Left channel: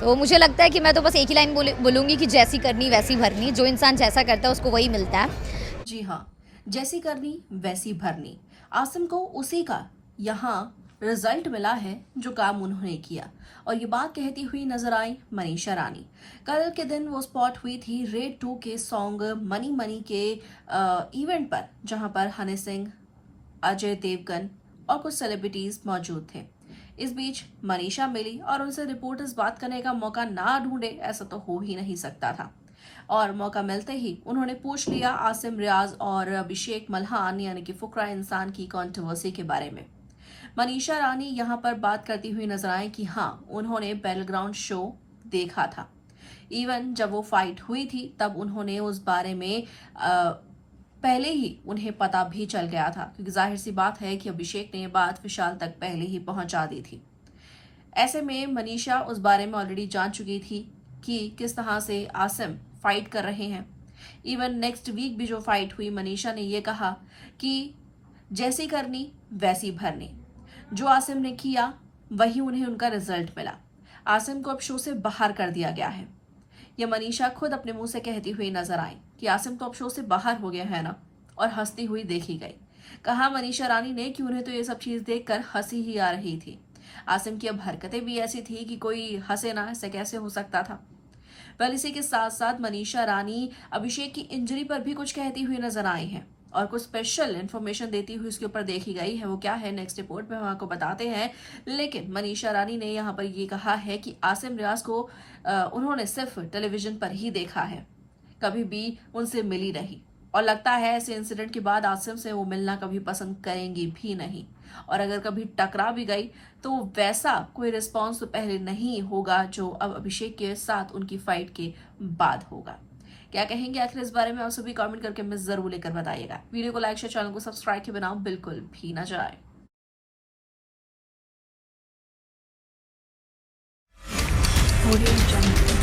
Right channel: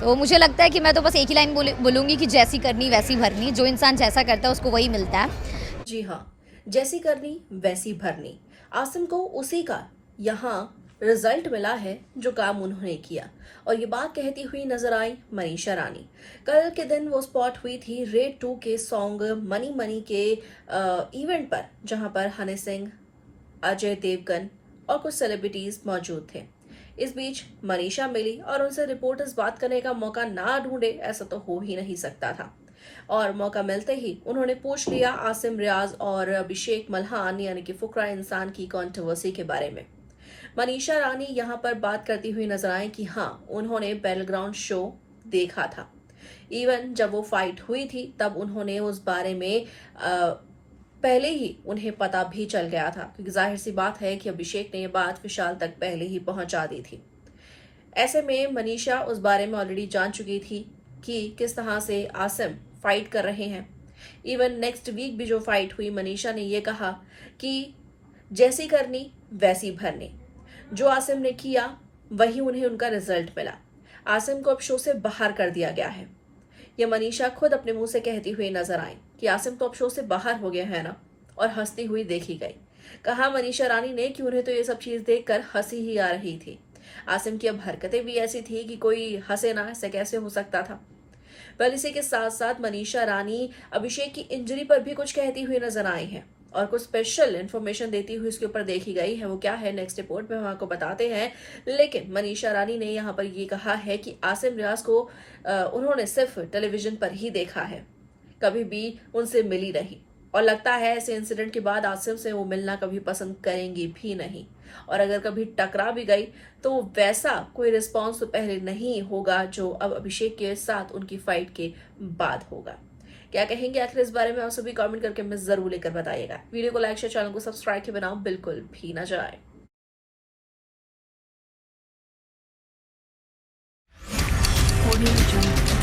तो मुझे लगता है कि मैं तो बस एक ही लाइन बोलूँगी कि जैसी करनी वैसी भरनी, जो इंसान जैसा करता है उसको वही मिलता है। जी हाँ, जैसी करनी वैसी भरनी। आसिम को उसी का यहाँ रिजल्ट मिला है जो काम उन्होंने किया। और ये बात कहती हुई नजर आई मनीषा रानी। कल के दिन वो स्पॉट हुई थी रेड 2 के सॉन्ग मनी मनी के इवेंट पर, जहां पर हनी सिंह, अजय देवगन और कुछ सेलिब्रिटीज मौजूद थे। इस बीच मनीषा मिली और उनसे रिपोर्टर्स बात करने का मौका ना ढूंढे ऐसा तो हो ही नहीं सकता था। और मौका मिलते ही उन्होंने पूछ लिया आसिम रियाज और अभिषेक मल्हान यानी कि फुकरा इंसान की कंट्रोवर्सी के बारे में। मनीषा रानी यहाँ पर बात करती हुई नजर आए कि हाँ, उन्होंने बैटलग्राउंड शो देखा था। इवन जब वो फाइट हुई थी तब उन्होंने उस बारे में पहले ही उन्हें पता भी चल गया था, क्योंकि जाहिर सी बात है कि अभिषेक ने ये बात विशाल तक पहले ही पहुंचा दी थी। ऐसे में मनीषा उस बारे में ऑलरेडी जान चुकी थी कि किस तरह से आसिम फाइट कर रहे हैं। इवन नेक्स्ट वीक भी जो फाइट हुई, मनीषा ने यह कहा कि जैसी करनी वैसी भरनी। जो आसिम ने किया वही उन्हें उनका रिजल्ट मिला। आसिम को अब शो से बाहर कर दिया गया है। ये मनीषा खुद अपने मुंह से कहती हुई नजर आई कि आसिम तो अब शो से बाहर हो गया है ना, और हंसती हुई देखी गई। कहा मनीषा रानी ने कि उन्हें तो ये सब चीज देखकर हंसी ही आ रही थी। आसिम की अब हरकतें भी ऐसी थी कि कोई हंसे ना, ऐसे कैसे हो सकता था। वेल, इसी के साथ साथ मनीषा रानी अभिषेक की इंजरी पर भी कुछ कहती हुई नजर आई हैं और कुछ स्पेशल इन्फॉर्मेशन देती हुई इसके ऊपर देखी गई है। वो क्या है नेक्स्ट रिपोर्ट में हम आपको बताते हैं। लेकिन मनीषा रानी ने यहाँ पर ये कहा है कि आसिम रियाज को उन्होंने सिर्फ टेलीविजन पर ही देखा है, कभी भी उनसे मिली नहीं। और लगता है ऐसे इंसिडेंट के बाद आसिम से वो मिलना कभी पसंद करेंगी भी नहीं। और अगर कभी टकरा भी गई तो वैसा कोई रिस्पॉन्स तो पहले नहीं होगा जो अब अभिषेक के साथ उनकी फाइट के बाद होगा। क्या कहेंगे आखिर इस बारे में, आप सभी कमेंट करके हमें जरूर लेकर बताइएगा। वीडियो को लाइक शेयर, चैनल को सब्सक्राइब के बिना बिल्कुल भी ना जाए। Audio Jungle.